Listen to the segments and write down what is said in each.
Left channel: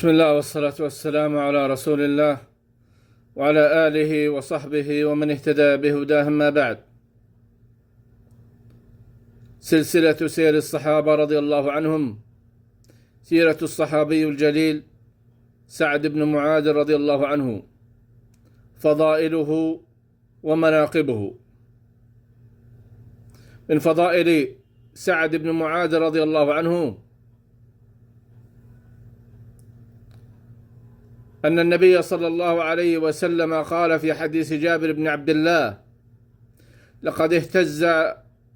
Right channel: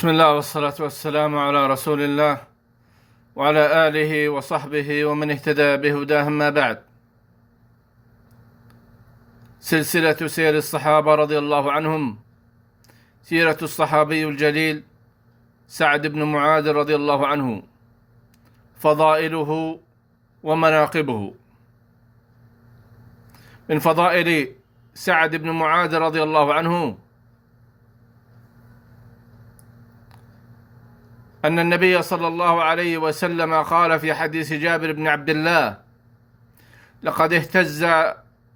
بسم الله والصلاة والسلام على رسول الله وعلى آله وصحبه ومن اهتدى بهداه، ما بعد. سلسلة سير الصحابة رضي الله عنهم، سيرة الصحابي الجليل سعد بن معاذ رضي الله عنه، فضائله ومناقبه. من فضائل سعد بن معاذ رضي الله عنه أن النبي صلى الله عليه وسلم قال في حديث جابر بن عبد الله: لقد اهتز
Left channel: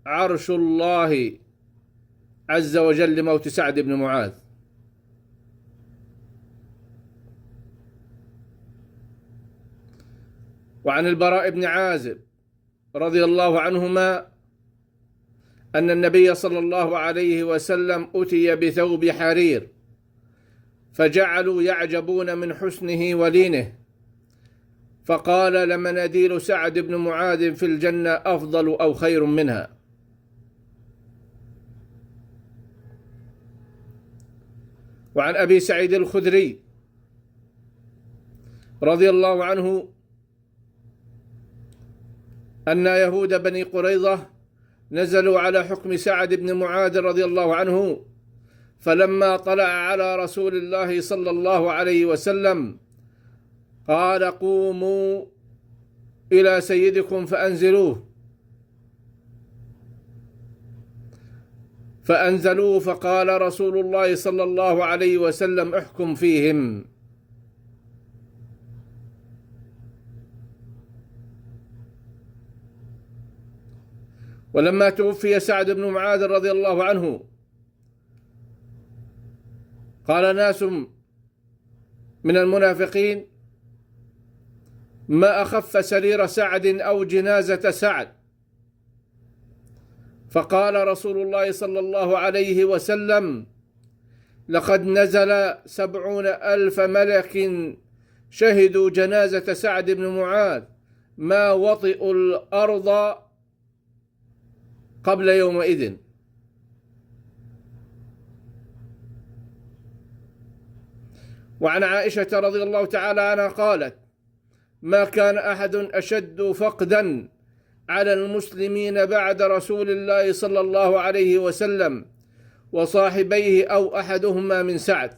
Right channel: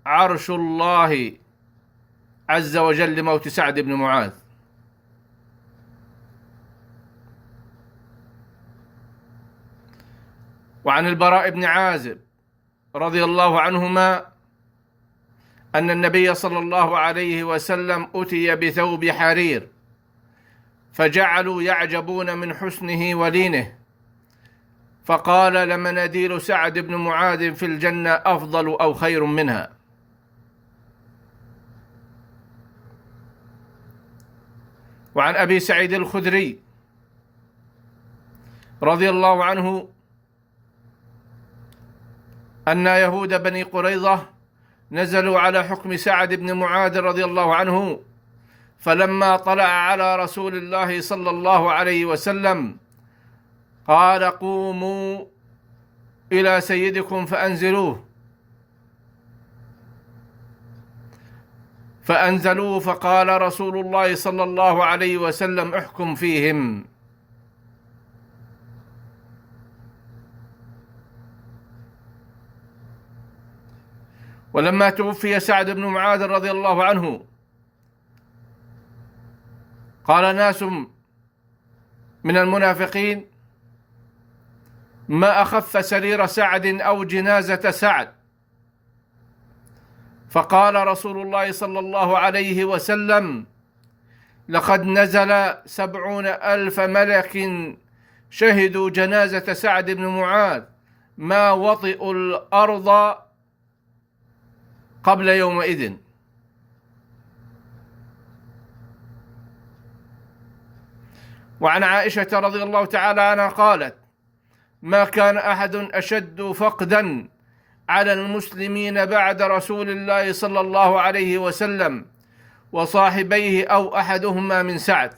عرش الله عز وجل لموت سعد بن معاذ. وعن البراء بن عازب رضي الله عنهما أن النبي صلى الله عليه وسلم أتي بثوب حرير فجعلوا يعجبون من حسنه ولينه، فقال: لمناديل سعد بن معاذ في الجنة أفضل أو خير منها. وعن أبي سعيد الخدري رضي الله عنه أن يهود بني قريظة نزلوا على حكم سعد بن معاذ رضي الله عنه، فلما طلع على رسول الله صلى الله عليه وسلم قال: قوموا إلى سيدكم فأنزلوه. فأنزلوه، فقال رسول الله صلى الله عليه وسلم: احكم فيهم. ولما توفي سعد بن معاذ رضي الله عنه قال ناس من المنافقين: ما أخف سرير سعد أو جنازة سعد. فقال رسول الله صلى الله عليه وسلم: لقد نزل 70,000 ملك شهدوا جنازة سعد بن معاذ ما وطئوا الأرض قبل يومئذ. وعن عائشة رضي الله تعالى عنها قالت: ما كان أحد أشد فقدا على المسلمين بعد رسول الله صلى الله عليه وسلم وصاحبيه أو أحدهما من سعد.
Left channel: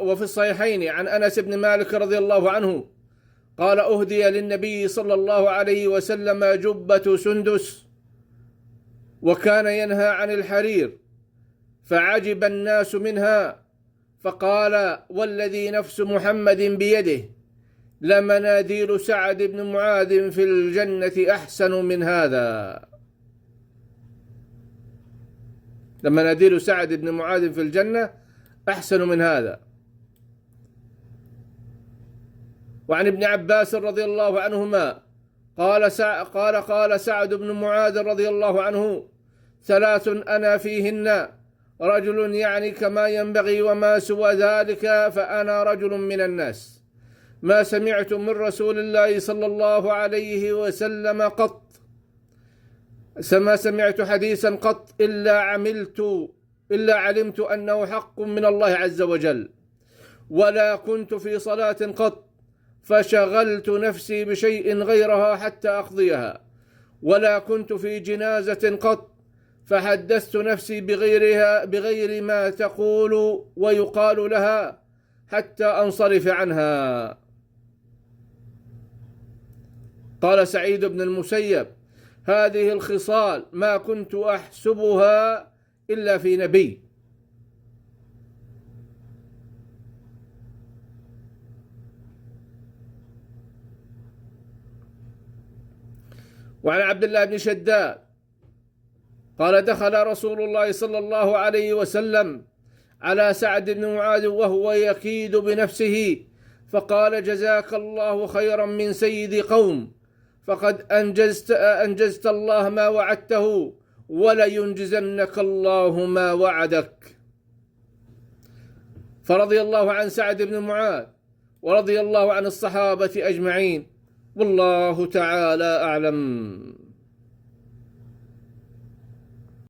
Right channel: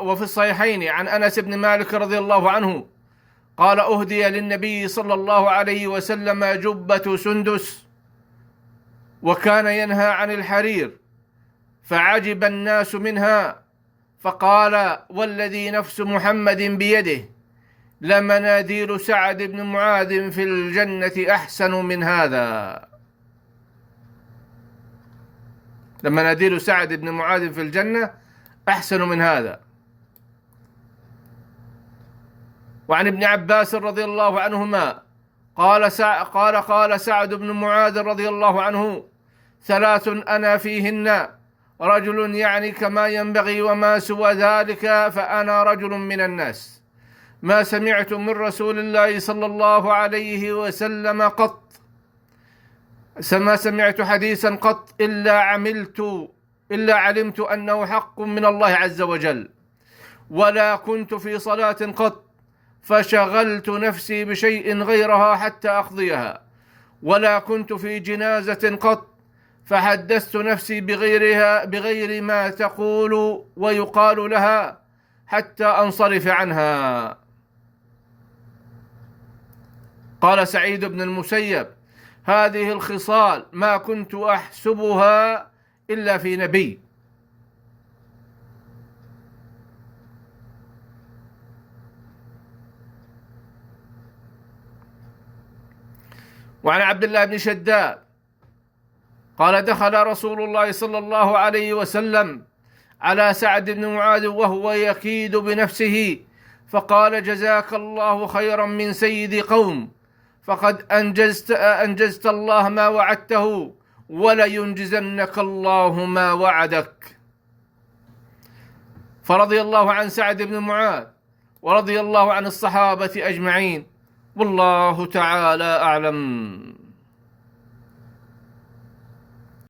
وفي الصحيحين عن أنس بن مالك رضي الله عنه قال: أهدي للنبي صلى الله عليه وسلم جبة سندس وكان ينهى عن الحرير، فعجب الناس منها، فقال: والذي نفس محمد بيده لمناديل سعد بن معاذ في الجنة أحسن من هذا. لمناديل سعد بن معاذ في الجنة أحسن من هذا. وعن ابن عباس رضي الله عنهما قال سعد بن معاذ رضي الله عنه: 3 أنا فيهن، رجل يعني كما ينبغي، وما سوى ذلك فأنا رجل من الناس، ما سمعت من رسول الله صلى الله عليه وسلم قط، ما سمعت حديثا قط إلا علمت أنه حق من الله عز وجل، ولا كنت في صلاة قط فشغلت نفسي بشيء غيرها حتى أقضيها، ولا كنت في جنازة قط فحدثت نفسي بغير ما تقول ويقال لها حتى أنصرف عنها. قال سعيد بن المسيب: هذه الخصال ما كنت أحسبها إلا في نبي. وعن عبد الله بن شداد قال: دخل رسول الله صلى الله عليه وسلم على سعد بن معاذ وهو يكيد بنفسه، فقال: جزاك الله خيرا من سيد قوم، فقد أنجزت الله ما وعدته، ولينجزنك الله ما وعدك. فرضي الله عن سعد بن معاذ ورضي الله عن الصحابة أجمعين، والله تعالى أعلم.